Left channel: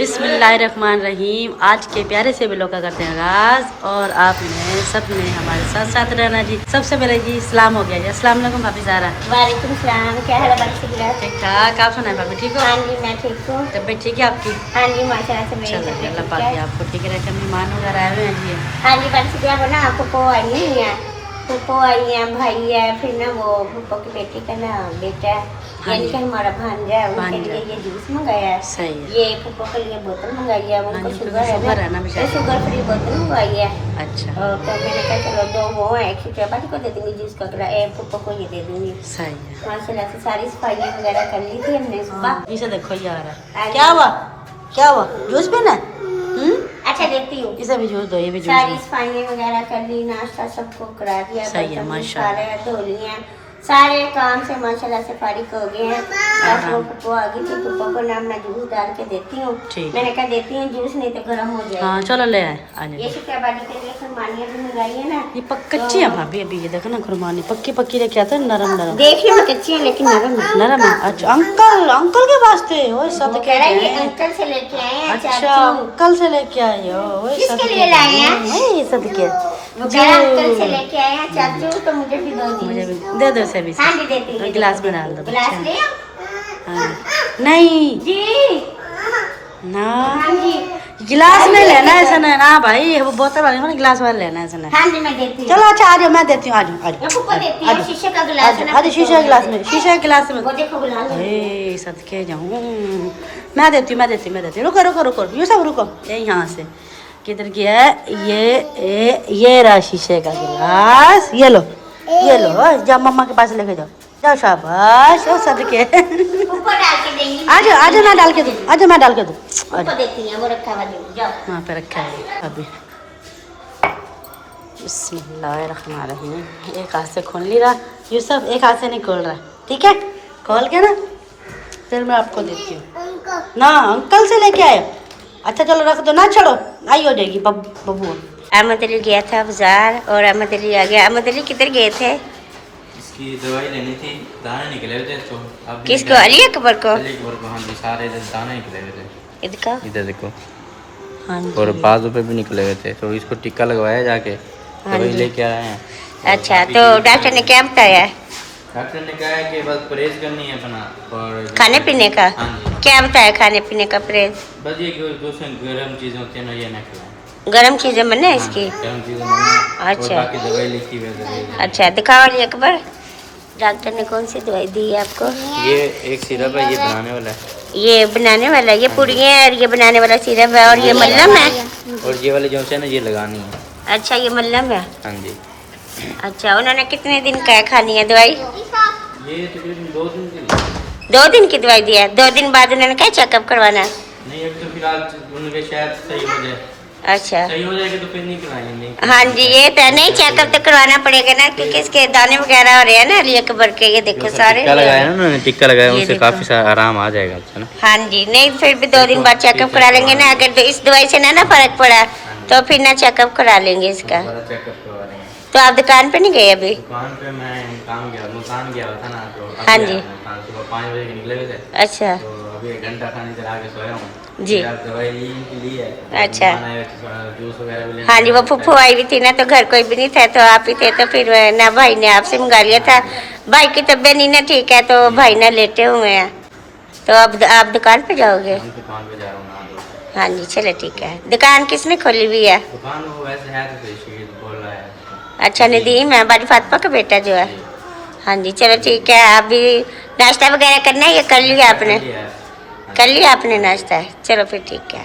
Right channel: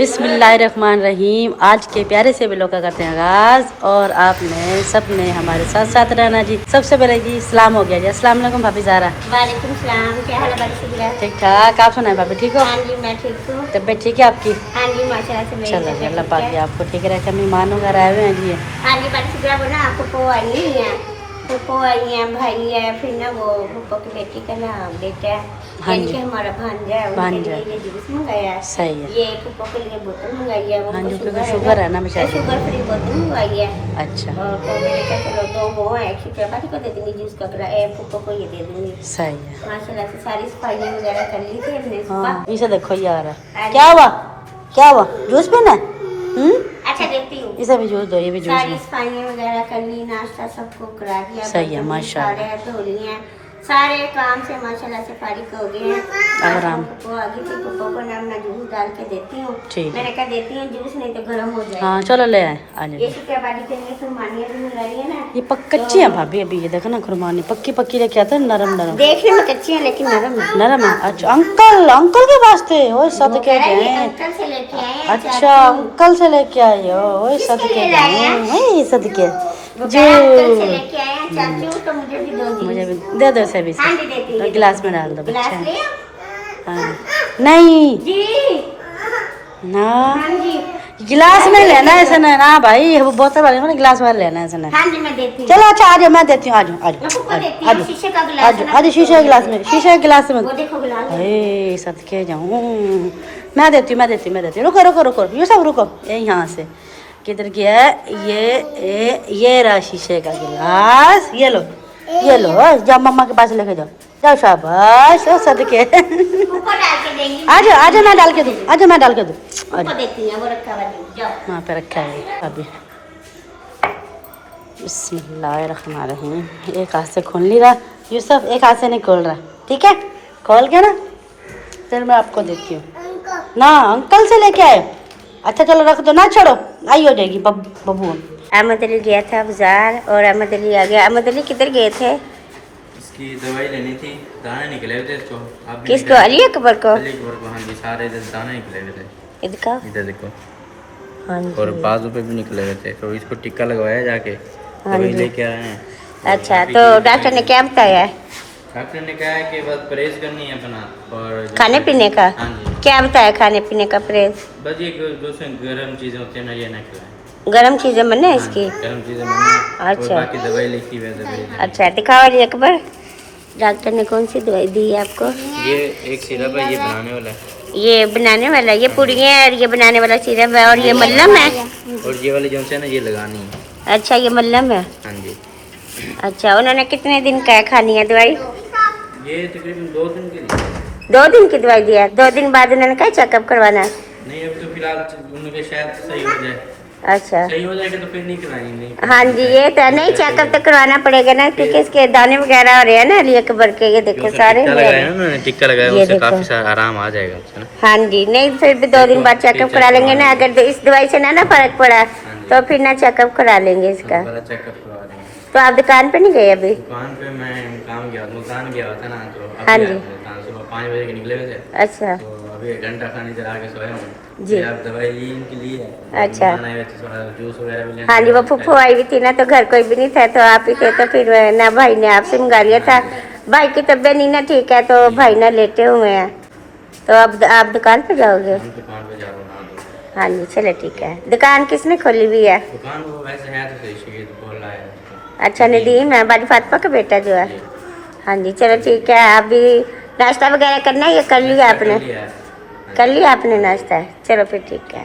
बिस्मिल्लाहिर्रहमानिर्रहीम। आज के प्यारे से ब्लॉग का करते हैं आगाज और आपने सबने हमारे साथ साथ रहना जी। सबसे पहले जी इस्लाम हो गया जी। अस्सलाम वालेकुम भाभी ज़ारा। वालेकुम सलाम। क्या हाल है बारिश? ठीक ठाक। आप सुनाए भाभी ठीक हो? हाँ जी मैं ठीक हूँ। तबीयत ठीक है आपकी? हाँ जी माशाल्लाह से मेरी चलो जी, तबीयत अल्लाह ठीक पाक है। आपको ठीक रखे। मेहमान वगैरह आए हुए हैं जी। हाँ जी बारिश बना फूफो आई है, फूफो आई है, भाई है, फिर ना वो फूफो की बेटी का ना बेटा है, हाँ यानी जी। कि हमारा भांजा है, उनके भांजा। लिए ये जूस मंगाया है। सही है। ये फूफो के लिए बोतल मंगाई है, हाँ उनको जी, शुगर शुगर है है ना ना, बेचारी। शुगर फ्री बोतल मंगवाई है। अच्छा और तो मैंने कहा चलो दो वो है, 100 रुपया बाजी को दे दूंगी जूस का फूफो को ये दे दूंगी। सही है। माशाल्लाह से सारी सफाइयाँ वगैरह कर ली थी हमने सुबह। इसे देखो यार, क्या हुआ क्या हुआ? जूस पीना है? अच्छा देखती हूँ। इसे भी जूस दो, ये भी जूस सारी दो। सफाइयाँ वगैरह कर ली, नाश्ता सबको करा दिया, सही है, बर्तन माशाल्लाह। सारे धो लिए हैं, सारे काम से माशाल्लाह से फारिग हो गए हैं। आराम। पप्पो आ गई थी, पप्पो को ना मैं जूस डाल के देती हूँ। ठीक। मैंने कहा देती हूँ जूस, नहीं तो गर्म हो जाएगा। हाँ चलो ले आए आ ये जाए। शुक्रवारी के लिए खुरमानियाँ भी मंगाई है ना। ये कच्ची है भाभी अभी, ये देखो ना खुरमानी पक्की पक्की लेके आते हैं, नरम नरम। देखने में कच्ची है लेकिन नरम है। नरम है। अच्छा अंकल, अंकल के वास्ते वो सद वो के कह रहा है, ये गए। अंकल से लेके आए हैं। अच्छा अंकल से लेके आए हो? वही सद किसके के लिए लाए हैं? वही सद के वो कह रहा है, अंकल से लेके आए हैं चाचू, तो मुझे भी दो दी। मुझे भी दे दो से भी। हाँ जी देती हूँ। गिलास में डाल दो गिलास बच्चा। लिया? हाँ नहीं जी ना, हाँ जी गिलास में लेना है इसने ना भाई, वो बोतल वाले में गिलास में लेना है इसने। हाँ जी मैं देती हूँ। चलो अच्छा आ जाओ, मैं देती हूँ। आ जाओ आ मैं फूफो देती जाओ हूँ, शीशे का आ गिलास जाओ है ना, आ जाओ। शीशे के गिलास में, शीशे के गिलास में। वो देखो गिलास। अरे सदके जाऊँ। मैं देती हूँ मैं देती हूँ मैं देती हूँ। रुको रुको रुको, ये सब रुको। ये यहाँ से किधर गया? ये रहा शीशे का गिलास। ये लो जाओ मम्मा के पास लेके जाओ। जाओ शाबाश। ओ सदके। फूफो डाल के देंगी। आ जाओ मैं डाल के दूँ, आ जाओ मैं डाल के दूँ। फूफो देती है, वो रखा हुआ है, जाओ। वहाँ पे रखा है अभी। बिस्मिल्लाहिर्रहमानिर्रहीम। एक हाथ से खोल नहीं रहा ये सब, एक हाथ से नहीं खोल रहा। ठीक है खोल के ना फिर मैं आपको देती हूँ ना। अंकल से लेके आए? अच्छा चलो रख दो ना, छोड़ो आई हो जाएगी बबू। अहमद अली गया था बाजार और अहमद अली आ गया। अहमद अली किधर गए थे? इसकी दवाई लेनी थी, दाने निकले हुए थे तो अब किसको? अली अकबर को? अली अकबर को। हाँ जी सारे इधर दाने निकले हुए थे, इधर इधर देखो। हाँ और जी बाजू पे भी निकले हुए थे, तो इसको टिक्का लगवाया जाके, हाँ दवाई जी। लेके आए हैं। अच्छा तो डॉक्टर ने क्या बताया? डॉक्टर ने कहा है कि बस परहेज करनी है अपना और खाने पीने का? हाँ जी क्या बताया खाने पीने का परहेज? बस ये दूसरे गर्म चीज़ें होती है ना, ये ना खिलाएं। गर्म चीजें बने हाँ, इसकी? गर्म चीज़ें नहीं। अच्छा। और बाकी दवाई लिखी हुई है। अच्छा दिखाओ अली अकबर, डॉक्टर ने कौन सी दवाई दी है आपको? ये एक सिरप है, ये बनाने वाला है। ये बनाने वाला, ये पुड़ियाँ और ये बनाने वाला सिरप है, और ये मल्लम है। और ये वाली जो है ना ये लगानी है। अच्छा ये मल्लम है। हाँ जी अच्छा उन्होंने कितने दिन का खानी है दवाई? ये तकरीबन 2 दिन के लिए। 2 दिन की दवाई दिया है। 2 दिन बाद उन्होंने क्या चेकअप करवाना है? नहीं अभी तो फिलहाल उनके शायद सही हो जाए। अच्छा सही हो जाएगा तो फिर नहीं खिलाएंगे। हाँ जी ये तो है, नहीं चेकअप तो करवाना पड़ेगा ना, क्योंकि इसके दाने वगैरह हो रहे हैं ना अली अकबर के। ये देखो सारे टिक्का लगाया है ना, टिक्का लगाया ये उससे देखो। काफी सारा आराम आ जाएगा। अच्छा ना। हाँ जी नहीं फिर भी 2 दिन बाद चेकअप करा लेंगे ना, अगर इस दवाई से ना फर्क पड़ा तो फिर ना चेकअप करा लेंगे इसका। दोबारा चेकअप करवा रहे हैं। तो आप दुकान पे नहीं गए अभी? दुकान पे मैं काम गया, मुल्तान गया था ना, तो हाँ अभी जी। आया मुल्तान सुबह 5 बजे के निकले हुए थे। अच्छा तो अभी 1 घंटा खाने इधर आके सोया हूँ जी। अब दवाई ली इनकी ली है। अच्छा। मेहमान आए थे, थोड़ा जूस वगैरह भी लेना हाँ जी वो फूफू आई हुई थी ना, तो घर कोई भी नहीं था, तो आप ही थे, तो फिर ना भाई ने आपसे मंगा लिया था। भाई की तबीयत नहीं ना ठीक है, तो भाई ना लेटे हुए हैं। तो अब आप दुकान पे जाओगे? हम दुकान पे जा रहा हूँ ना। हाँ जी चलो ठीक है। दुकान किसने खोली हुई है? दुकान वो वैसे है तो सही, शहीद बोल रहा है। अच्छा नदीम है, बड़ी फातिमा का बेटा जो है। हाँ जी चलो ठीक है। आप भी नाश्ता वगैरह करना है या कर लिया आपने? कर लिया आपने नाश्ता? चलो फिर ठीक है।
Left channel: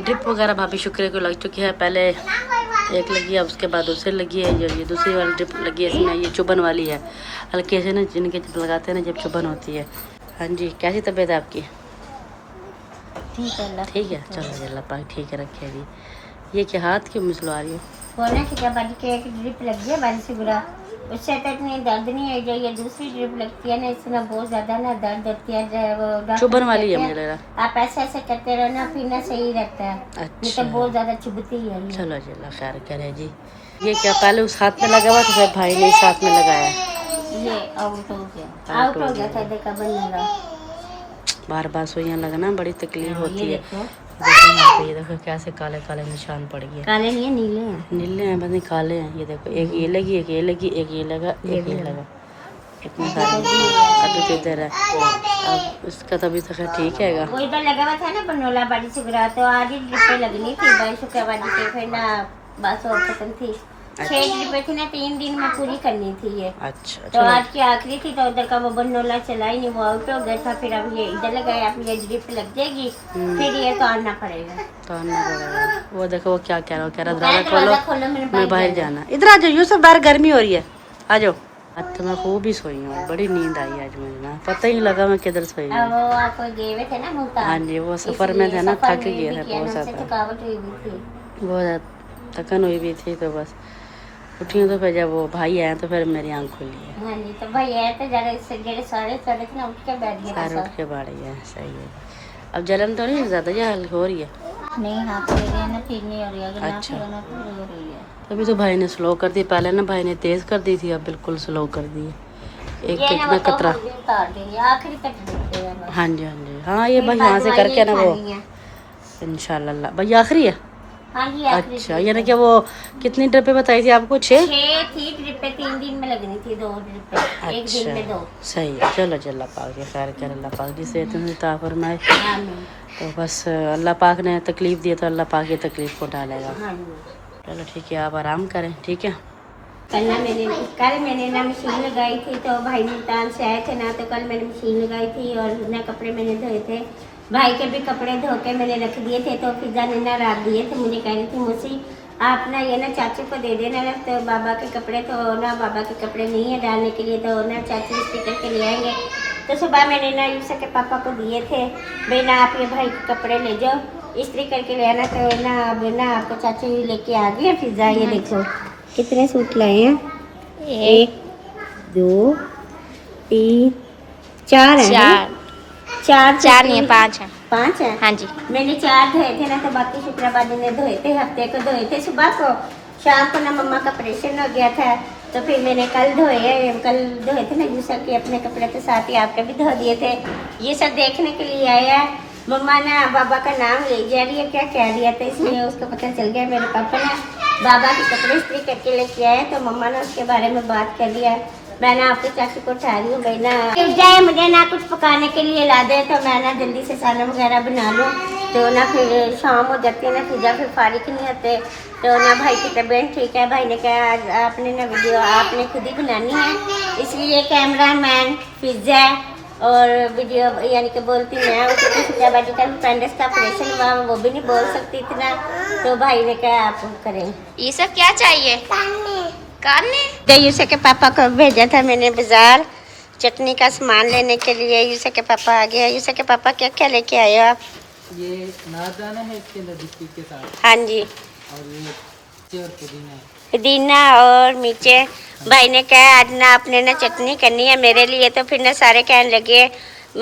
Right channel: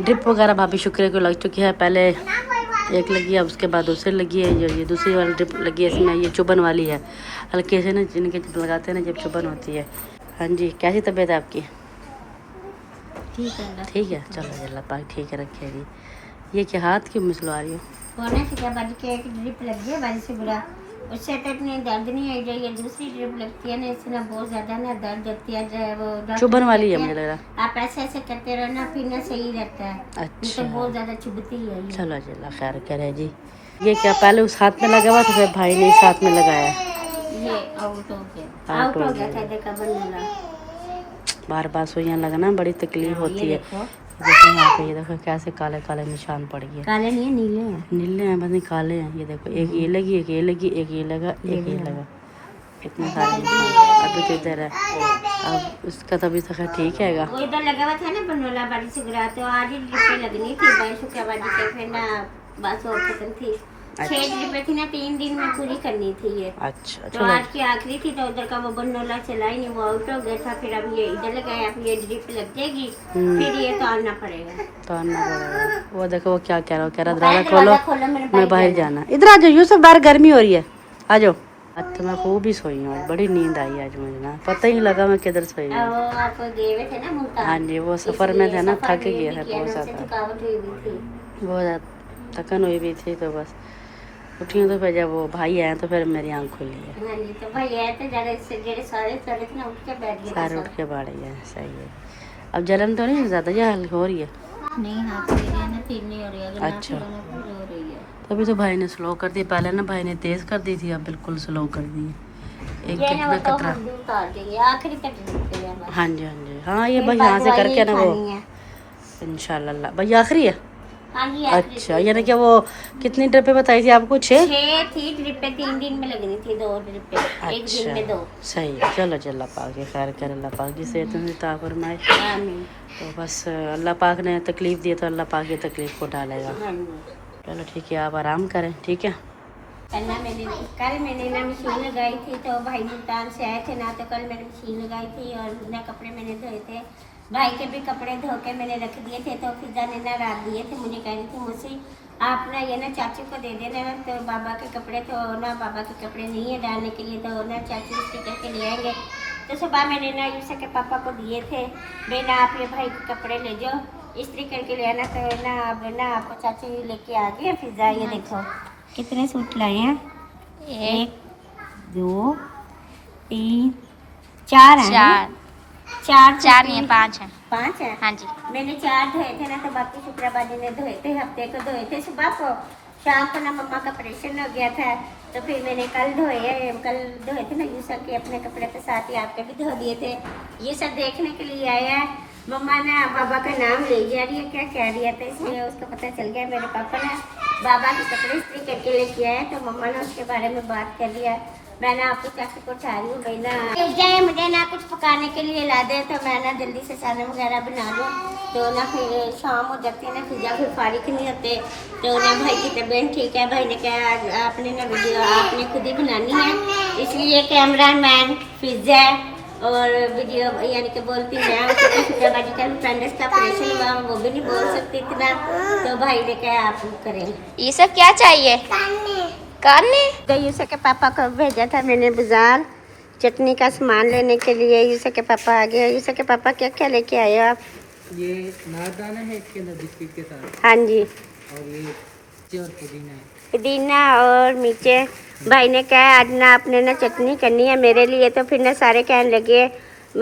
ड्रिप वगैरह भाभी शुक्र को लग चुकी है। पहले एक लगी है, उसके बाद दूसरी लगी है। ये दूसरी वाली ड्रिप लगी है, इसमें ये चुभन वाली है। हल्के से ना जिनके लगाते हैं ना जब चुभन होती है। हाँ जी कैसी तबीयत है आपकी? ठीक है चलो जी, अल्लाह पाक ठीक है रखे जी। ये क्या हाथ क्यों मिसलवा रही है? होना कि जब बाजी के एक ड्रिप लग गया बाजी से बुरा, उससे तो इतनी दर्द नहीं है। जो ये दूसरी ड्रिप लगती है ना, इससे ना बहुत ज्यादा ना दर्द होती है। वो डॉक्टर चुभन वाली है कहते मुझे हैं, लग रहा। आप ऐसे ऐसे करते रहना फिर ना सही रहता है। नहीं तो बहुत ज्यादा चुभती है ये। चलो जी अल्लाह खैर करे जी। ये क्या पहले उस हाथ में लगा हुआ था, फिर भाई ने इस हाथ में लगाया? ये आउट हो गया, आउट हो गया था। देखा बन रहा बार बार सुइयाँ लगना बड़ी तकलीफ होती ये है। देखो देखो यहाँ पे, ये देखो कैसे काले काले निशान पड़ गए। काले नहीं है, नीले हैं। नीले हैं बस, नहीं काले हैं। ये देखो, एक ये लगी, एक ये लगी, एक ये लगा, एक ये लगा, इतने सारे निशान। अभी तो इधर है, अब इसका तभी तो खैर ठीक हैगा। वो इधर लगा हुआ था ना बनोला बाड़ी सुगरा, तो आज ही ड्रिपें लगनी थी भाई शुक्रवार के, फिर ना बस और खत्म थी। 6 ड्रिपें थी ना, 3 दिन में पूरी करनी थी ये। अच्छा, तो आज की आखिरी थी, तो उधर का वो बनोला चला ही नहीं, वो आउट हो गया था। फिर अब ये इधर लगाया, अब ये ड्रिप लग जाएगी, फिर ये तोड़ना पड़ेगा। तोड़ना पड़ेगा। वो देखो वो क्या कह रहा है, कह रहा दरवाजा खोलो, मेरे मैं बाहर जाना। इधर आ जाओ यूसुफ, बाहर गर्मी हो रही है, आ जाओ। आज तो मैं खूब ही सोई हूँ, आज बड़ी नींद आई आज मुझे ना, पता ही नहीं लगा मैं किधर सोई हूँ। वो आप गए हुए थे ना मुल्तान। हाँ जी, वो सफ़र में थे ना, थक गए थे बहुत ज़्यादा, थकावट हुई हुई थी, बहुत ज़्यादा थकन हुई भी थी। तो बस उठी हूँ, तो फिर जब वो भाई आए तो फिर मेरी आँख खुली है। हाँ जी, तो भाई आए तो जरा सारे थे ना, उठ के बैठ गए। सारे उठ के बाढ़ गया, सही है। अब जलन तो नहीं ज़्यादा, या हल्की हो रही है? नहीं, हाथ ले रहे हैं ना, फिर नहीं हो रही है। अगर अच्छा। ना फिर हो रही है। तभी तो भाई ने स्लो कर दी, पहले ना भाई ने तेज़ कर दी थी, अब बिल्कुल स्लो कर दी है। एक कितना कतरा, आखिरी तक देते हैं बस। हाँ जी हाँ जी, हाँ ये भाई यहाँ से करके ना वो इंशाल्लाह। भाई आखिरी है? हाँ जी, अच्छा, यानी कि वो कितनी ड्रिपें बताई थी आपको? 6 थी ड्रिपें, 3 दिन में लगनी थी, 2 ड्रिपें एक दिन में 2। सही है, चलो अल्लाह पाक जी खैर कर, अल्लाह पाक जी सेहत में अता फरमाए। आमीन। तो बस अल्लाह पाक ने तकलीफ़ दी तो अल्लाह पाक ये तकलीफ़ को डालेगा। हाँ जी। चलो ठीक है, आप आराम करें, ठीक है। कल मैंने ना मशीन लगाई थी, तो भाई मुल्तान से आए थे ना, तो कल मैंने मशीन लगाई थी और ना कपड़े मैंने धोए थे। भाई के भी कपड़े धो के मैंने रख दिए थे, तो फिजा ने ना रात दिए थे। मुझे कह रही थी मुझसे आप ना ये ना चाचू को दे देना ना, तो बाबा के कपड़े, तो ना बाबा के कपड़े नहीं है डालने के लिए, तो ना चाचू इस्त्री करके ले आएंगे। तो सुबह मैंने ना यूसुफ के पापा को दिए थे, भाई ना आप ये भाई के कपड़े ले जाओ, इस्त्री करके ले आना। तो ना अब ना आपको चाचू ही लेके आ गए फिजा। ये देखो कितने सूट लाए हैं, 1 2 3 4 हैं। चार नहीं, 5 हैं। 5 हैं? हाँ जी। मैंने 4 धोए थे ना, तो बाकी शुक्रवार ने धोए थे, हफ्ते को धोए थे। सुबह को, शाम को ना मम्मा का ऑपरेशन हो गया था, तो फिर मैंने कल धोए थे ना यूसुफ के अपने कपड़े, तो साथ ही आपके भी धो दिए थे। ये सब देखने के लिए आया। मम्मा ना बाबा का नाम ले जा रही है, क्या कह रही है, तो इसलिए उसको पता चल गया मेरे पापा ना बाबा के कपड़े इस्त्री करके लेके आए, तो मम्मा ने उसके बारे में बात कर लिया। मैंने आपको चाचू को उठा रही हूँ, भाई ना जाए मुझे ना कुछ पकाने के लिए ला दे, तो मैं ना जल्दी से खाना वगैरह बना लूँ, तो ना फिर शाम हो जाती है ना, फिजा फिर फारिग नहीं होते। तो ना भाई की तबीयत ठीक है, भाई ने कहा आज आपने ना वीडियो आपने खुद ही बनानी है, इसलिए कैमरा मैन फिजा और वीडियो यानी कि बोलती मैं, उसको फिजा बाजी का पेंडिक्स का ऑपरेशन हुआ, वो भी नहीं बोल सकती इतना, तो भाई ने कहा आप करें। ये सब क्या चाहिए? काने यूसुफ के पापा को भेजा था मैंने बाजार चटनी का सामान लेने के लिए। यूसुफ के पापा आ गए। यूसुफ के पापा क्या क्या लेके आए हो आप? ये नारदाना है इसके अंदर बिस्किट के साथ, हाँ जी, और ये मिर्ची और पुदीना है। पुदीना और मिर्चे। भाई ने कहा आज ना आपने ना चटनी करनी है मेरे लिए, तो फिर ना सारे कहने लगे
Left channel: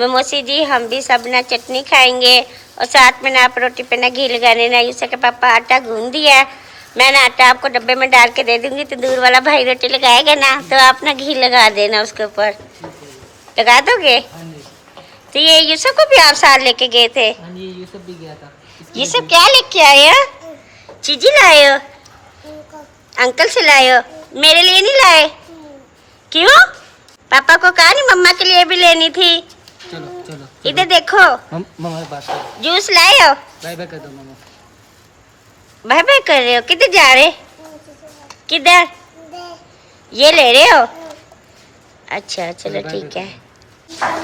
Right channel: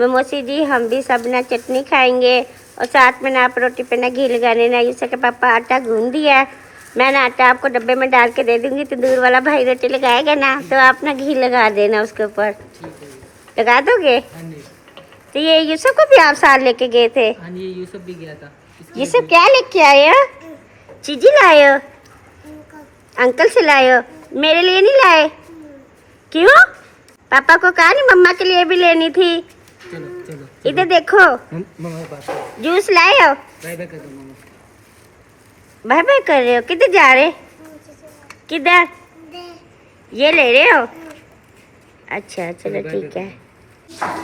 मौसी जी हम भी सब ना चटनी खाएंगे, और साथ में ना आप रोटी पे ना घी लगाने ना। यूसुफ के पापा आटा गूंद दिया है, मैं ना आटा आपको डब्बे में डाल के दे दूंगी, तो दूर वाला भाई रोटी लगाएगा ना, तो आप ना घी लगा देना उसके ऊपर, लगा दोगे? हाँ जी, तो ये यूसुफ को भी आप साथ लेके गए थे? हाँ जी, ये सब भी गया था। ये सब क्या लेके आए हो? चीजी लाए हो? अंकल से लाए हो? मेरे लिए नहीं लाए? क्यों? पापा को कहा नहीं मम्मा के लिए भी लेनी थी? चलो चलो, इधर देखो, मम्मा बात करो, जूस लाए हो? बाय बाय कर दो मम्मा। बाय बाय कर रहे हो? किधर जा रहे? किधर? ये ले रहे हो? अच्छा चलो ठीक है।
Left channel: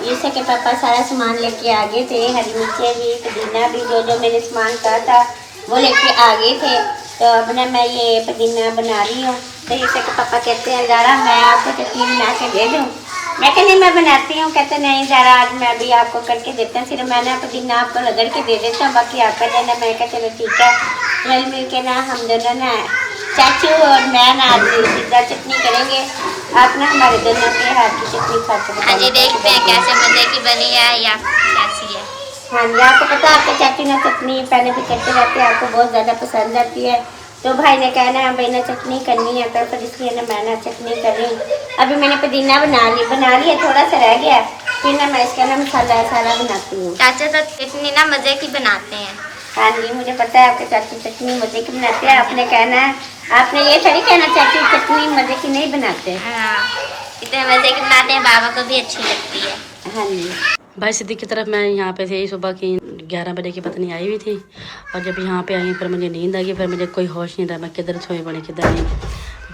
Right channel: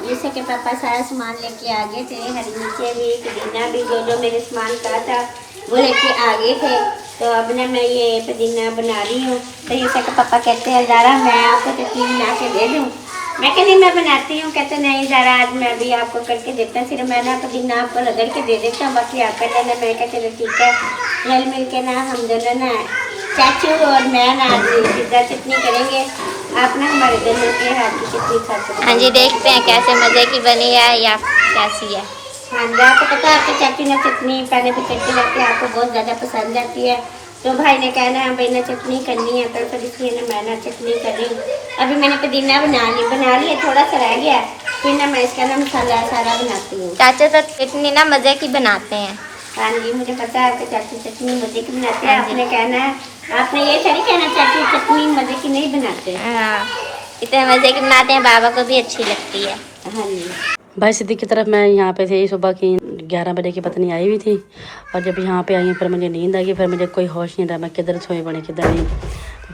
यूसुफ के पापा सारा सामान लेके आ गए थे, हरी मिर्चें भी, पुदीना भी, जो जो मैंने सामान कहा था वो लेके आ गए थे। तो अब ना मैं ये पुदीना बना रही हूँ, तो यूसुफ के पापा कहते हैं ज़रा मैं आपको चटनी बना के दे दूँ। मैं कहती मैं बनाती हूँ, कहते नहीं ज़रा आज मैं भी आपको करके देता हूँ, फिर मैं ना पुदीना आपको रगड़ के दे देता हूँ, बाकी आप कर लेना। मैं कहते चलो ठीक है, मिल के ना हम दोनों ना चाचू और मैं ना आज पिज़्ज़ा चटनी करेंगे, आप ना हमारे दोनों के हाथ की चटनी खा सकते। हाँ जी, देखते हैं कैसे मज़े की बनी है या कैसी है। हाँ जी, आपको पता है आपके चाचू ने चटनी पहले भी करते रहते हैं, आपको बहुत ज़्यादा पसंद आती है, तो भाई ने कहना है भाई ने चटनी करनी है, तो फिर इसलिए ना मैं ना चटनी कर रही हूँ। अभी मैंने पुदीना बना लिया, थोड़ा सा रह गया, फिर ना मैं इसका ना मसाला सारा बनाती हूँ। चाचा तो चटनी ना मज़े की बनाते हैं। हाँ जी, मुझे पता है आपके चाची चटनी मजे की बनाते हैं। आपने कहना है, आपने ये थोड़ी कहना चाची चटनी मजे की नहीं बनाते। हाँ, इतने मज़े की बनाते हैं, बाबा को भी अच्छी लगती है। हाँ जी। भाई सिद्दीक की तरफ मैं यहाँ पे थी, सुबह की 11 बजे की पत्नी आई हुई थी, और जब यहाँ पे आई फिर मुझे नींद आ गई, फिर मुझे कोई होश नहीं था मैं किधर सोई पड़ी किधर नहीं।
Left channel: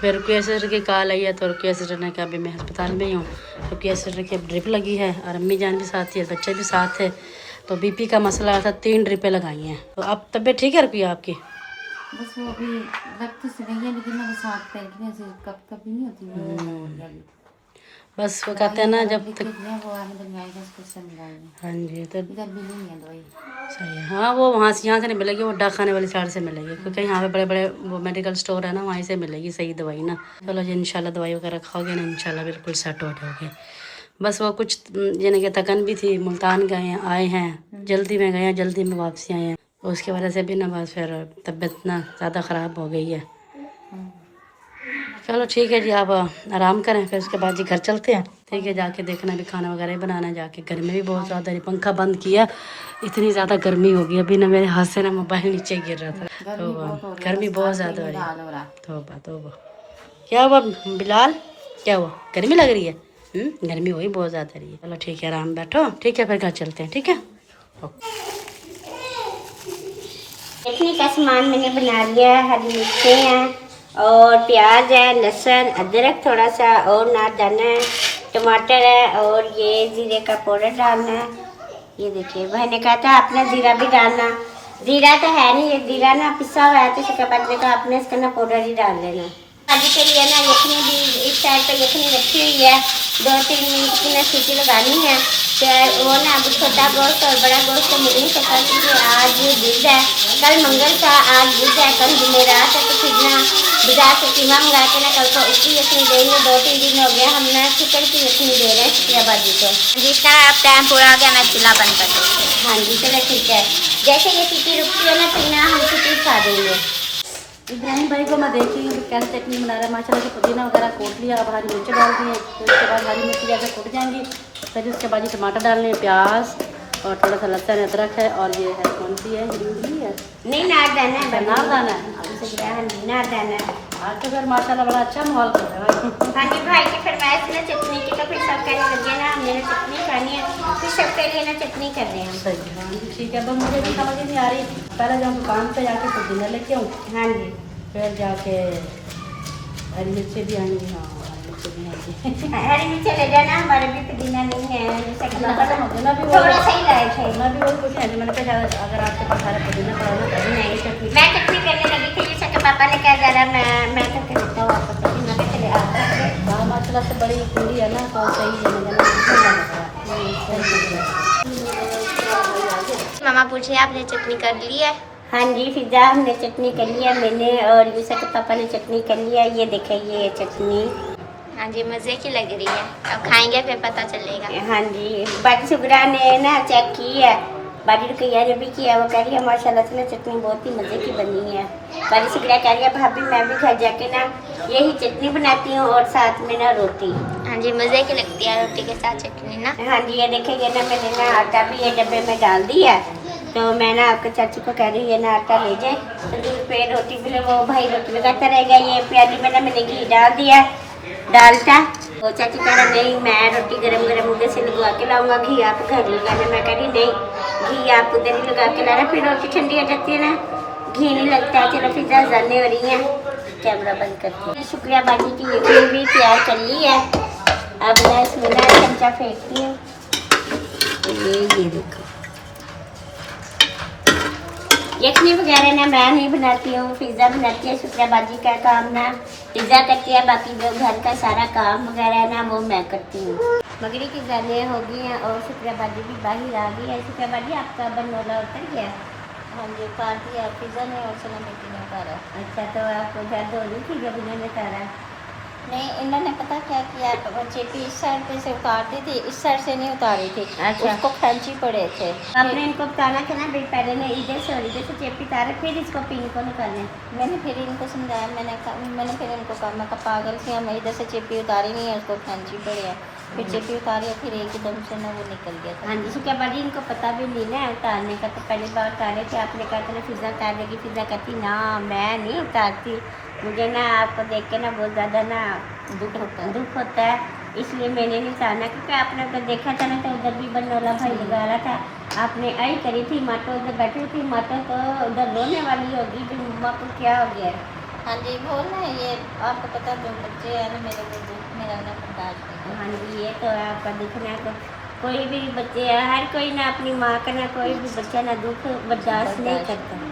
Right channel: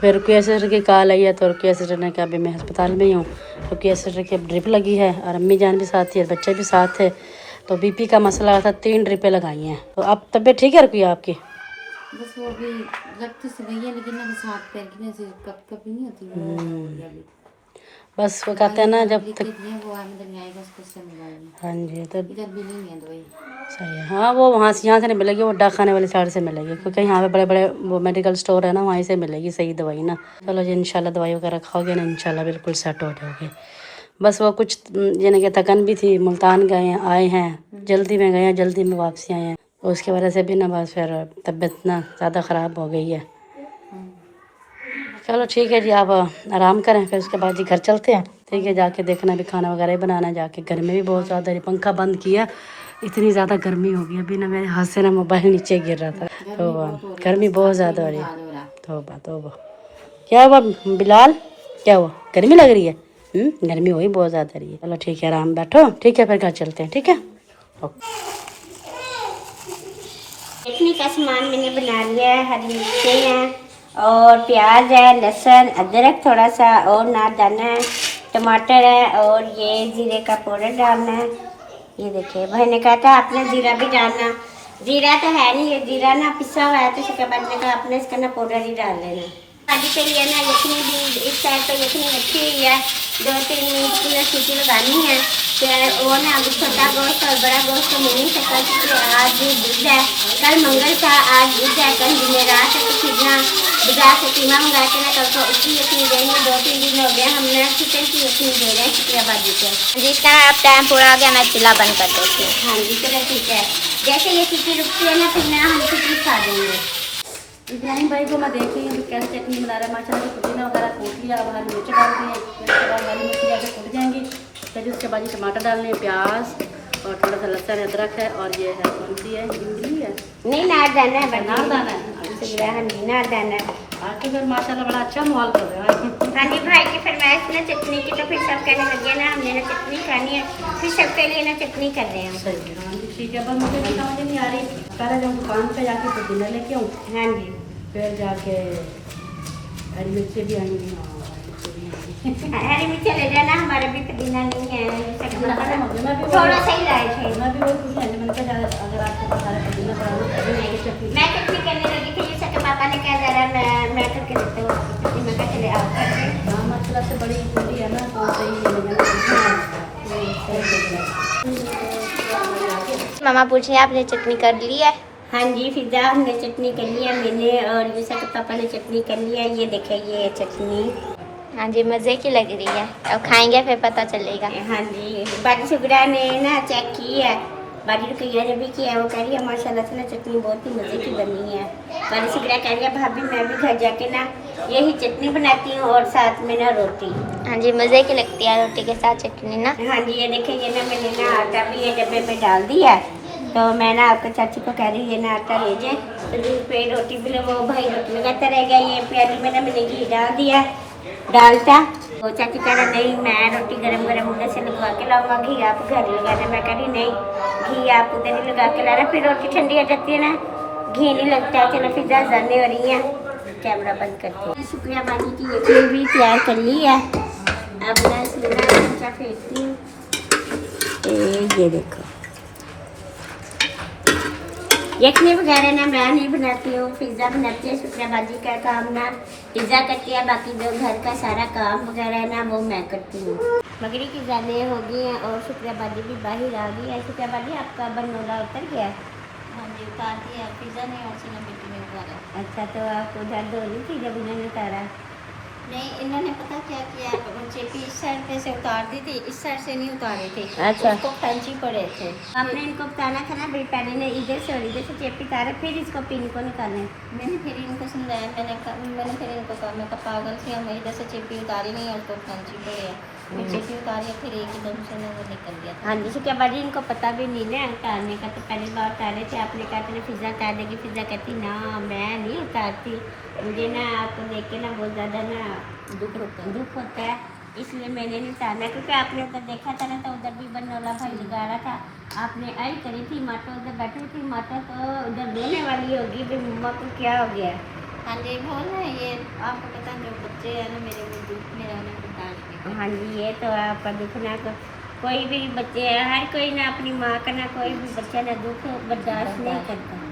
फिर रुकिया सिस्टर की कॉल आई है, तो रुकिया सिस्टर ने कहा अभी मैं अस्पताल में ही हूँ। रुकिया सिस्टर की ड्रिप लगी है और अम्मी जान भी साथ थी और बच्चे भी साथ थे, तो बीपी का मसला था, 3 ड्रिपें लगाई हैं। तो अब तबीयत ठीक है रुकिया आपकी? बस वो अभी वक्त से गई है, लेकिन मेरे साथ पैर की कभी नहीं होती। बस वो कहते हैं ना जब तक, वो आमदनी आएगा उसको से मिलाऊंगी। हाँ जी तो इधर भी नहीं है दवाई। सही है। हाँ वो वहाँ से यहाँ से नहीं मिलेगी, वो डाक खाने वाली साइड से मिलेगी, क्योंकि यहाँ पे बड़े बड़े वो मेडिकल स्टोर है ना, वहीं से मिलेगी सही दवाई ना। चलो जी इंशाल्लाह दवाई वगैरह खाओगे ना, इंशाल्लाह बिल्कुल सेट हो जाओगे। बस वो कुछ यानी कि थकन भी थी, मुल्तान गए हैं, आए हैं जल्दी में, गए हैं जल्दी में वापसी आए हैं, तो उसकी वजह से भी ना बस फिर तबीयत ना ज़्यादा ख़राब हो गई है। चलो ठीक है जी, आप आराम करें, फिर उसके बाद जी घर चलते हैं। ठीक है, जाके देखना भी खाना वगैरह ही बनाना है जाके। गर्मी भी बहुत ज़्यादा है, पंखा बंद किया, इतनी ज़्यादा गर्मी हो गई। अभी ना मेरे हाथ से ना मोबाइल नीचे गिर रहा था, तो गर्मी बहुत ज़्यादा हो रही है। तौबा तौबा, क्या हुआ बिलाल, क्या हुआ, गर्मी लग रही है? गर्मी हुई बहुत ज़्यादा रही है। चलो ठीक है, आराम बैठो, ठीक है फिर घर चलते हैं। ठीक है ओके। चटनी का सामान मैंने बना लिया है, हरी मिर्चें हैं और प्याज है, लहसुन, अदरक थोड़ा सा और नादाना है, टमाटर है और ये जीरे का पाउडर डालना है। ये देखिए भाई ने कहा था आपने जीरा भी डालना, जीरा तो है नहीं, ये जीरा ना पिसा हुआ है, तो इसके बाद देखा आपने इसका ना पाउडर ही डाल देना। शादी के लिए ना यखनी भी इस साइड पर यखनी रखी हुई है, 2-3 मिनट की ना सीटी लगानी है। तो वो ना अभी छोटा गोश्त और बड़ा गोश्त तो मिल नहीं सकता, क्योंकि आज बुध है, कल मंगल था, आज बुध है, कल जुमेरात है, तो फिर ना बाजार से कीमा मंगा के ना कल को उसकी यखनी देंगे। 2-3 दिन हो गया हम ना चिकन की यखनी दे रहे हैं शुक्रियाबादी को। जिसका अब टाइम पूरा हो गया, मैं चूल्हा बंद कर देती हूँ। हाँ जी चलो ठीक है, जैसे ये सीटी रुकती है ना फिर ना हम सीटी खा देंगे। इब्राहिम भाई को मैं देख रही हूँ तो कैसे चटनी बना रहा है माशाल्लाह से। पुदीना वगैरह कूट लिया, अब हरी मिर्च डाल दी है, फिर उसके बाद हरी मिर्च जैसे कूट जाएंगी, फिर उसके बाद ये टमाटर डालने, प्याज और थोड़ा सा लहसुन अदरक है, और ये है कौन सी है, हिंदी है नहीं नार दाना है, नार दाना है। हाँ जी नार दाना है। आज तो फिर माशाल्लाह बड़ा अच्छा माहौल कर रहा है। हाँ जी भाई की फरमाइश ना चटनी की, तो फिर सब कहने लगे ना हमने ना चटनी खानी है, फिर सबके लिए ना चटनी कर रहे हैं। सही है, हाँ जी ठीक है, बस मुझे भी समझ नहीं आ रही, पहले जब दुकान पे जाके पुदीना लेके आऊँ, हाँ जी फिर जाके हरी मिर्ची भी आएंगी। हाँ हरी मिर्ची ले जाना, हमारे भी पुदीना नहीं है, जैसे कि मैं थोड़ा सा ही लाए थे। भी वही पूछी, मैंने कहा अगर आपके पास सारा पुदीना पड़ा हो तो नहीं मैं चटनी करने लगी थी, जैसे कि पापा ने कहा जरा मैं करके देता हूँ आपको चटनी, मैं कहा चले आप करके। हाँ माशाल्लाह से बड़ी पूरी है ना, तो सही है। मामा पूछे आपने चटनी कर ली है? हाँ जी फिजा हमने चटनी कर लिया, मैंने और यूसा के पापा ने चटनी कर लिया। ये देखिए ये चटनी, हाँ जी मज़े की लग रही है, अब खाएंगे फिर पता चलेगा। हाँ जी बाजी सुगरा ने ना चेक की है, बाजी रुकैया ने भी किया, वो कह रही है माशाल्लाह से ना चटनी बहुत ही मज़े की बनी है। बाजी सुगरा कह रही है भाभी मैं भी घर जाके ना यही चटनी बनाती हूँ और साथ में ना रोटी। हाँ जी मज़े की लगती है रोटी के साथ चटनी ना। हाँ जी ये देखिए ये ना मैंने ना आटा भी ये डब्बे में डाल दिया है, तो मैं ना आपके चाची को कह रही है ना आटा ले जाए, तो दूध पे रोटी भी वो भाई रोटी लगाता रहेगा। ये प्याली में ना मैंने घी डाल दिया डालता, वो चाची कह रहा नहीं मैं रोटी गरम गरम उधर से लगवा के लाऊंगा, घी आप घर लगाना। मैं कह रही नहीं घी आप उधर ही लगा के लाना, फिर रोटी ठंडी हो जाती है ना, घी नहीं लगता है। चलो फिर जाने हो रही है, कैमरा बंद करती है। शुक्रिया बाजी की यकीन भी तैयार कर ली है, अब मैं इसमें ना चमचा फेंकती हूँ। ये देखो यखनी वगैरह ना मैं नहीं बनाती हूँ, पिज़्ज़ा बनाती है शुक्रिया बाजी का काम ना पिज़्ज़ा करती है, बाकी जो घर का सारा काम वगैरह है ना वो मैं करती हूँ। मगरी की जाने हो गई हैं और शुक्रिया बाजी भी बाहर आ गई है। शुक्रिया बाजी आपका बनोला उतर गया? हाँ जी उतार दिया, पिज़्ज़ा नहीं और सना बेटी ने उतारा। अच्छा तो आपको उधर धो ली थी जब इन्होंने उतारा? नहीं इन्होंने पता क्या किया, बच्चे की इस साइड पे से उतार दी थी, इस साइड से नहीं उतारी थी। अच्छा। उसको खैंची पड़े थे। आपने इनको बताना था ना भाई, पहले ने इधर से और इधर से चेपी उतारे फिर इसको पिन को निकालने। मैंने फिर इनको समझाया, मैंने फिर इनको कहा, मैं पागल थी, मैं इधर से चेपी उतारी नहीं है, उसको खैंची पड़ी है। पीछे भी उतारे फिर एकदम से ना वो निकल गया था। हाँ जी, क्या बाजी इनको पता भी नहीं ना उतारने का, तो पहली बार उतारे थे। आपने कहा था ना फिजा उतार देगी, फिजा कहती ना मैं नहीं उतारती, मुझे ना आपको देख के ना बहुत ज़्यादा ना दुख होता है, इसलिए मैंने नहीं उतारना। क्योंकि आपने तो देखा था ना, तो उधर भी बनोला भाई लगा रहा था, आपने आई करी थी, मातो उधर बैठी थी, मातो तो उधर रोने वाली होगी भाई मम्मा को क्या हो गया। हाँ जी, वो ना ये आपको पता जो बच्चे हैं ना मेरे वो दुख मेरा ना बर्दाश्त नहीं हाँ जी, ये तो है आपका दिखना। तो कोई भी बच्चे, हर कोई ना अपनी माँ का ना कोई भी बच्चा ना दुख बर्दाश्त नहीं करता।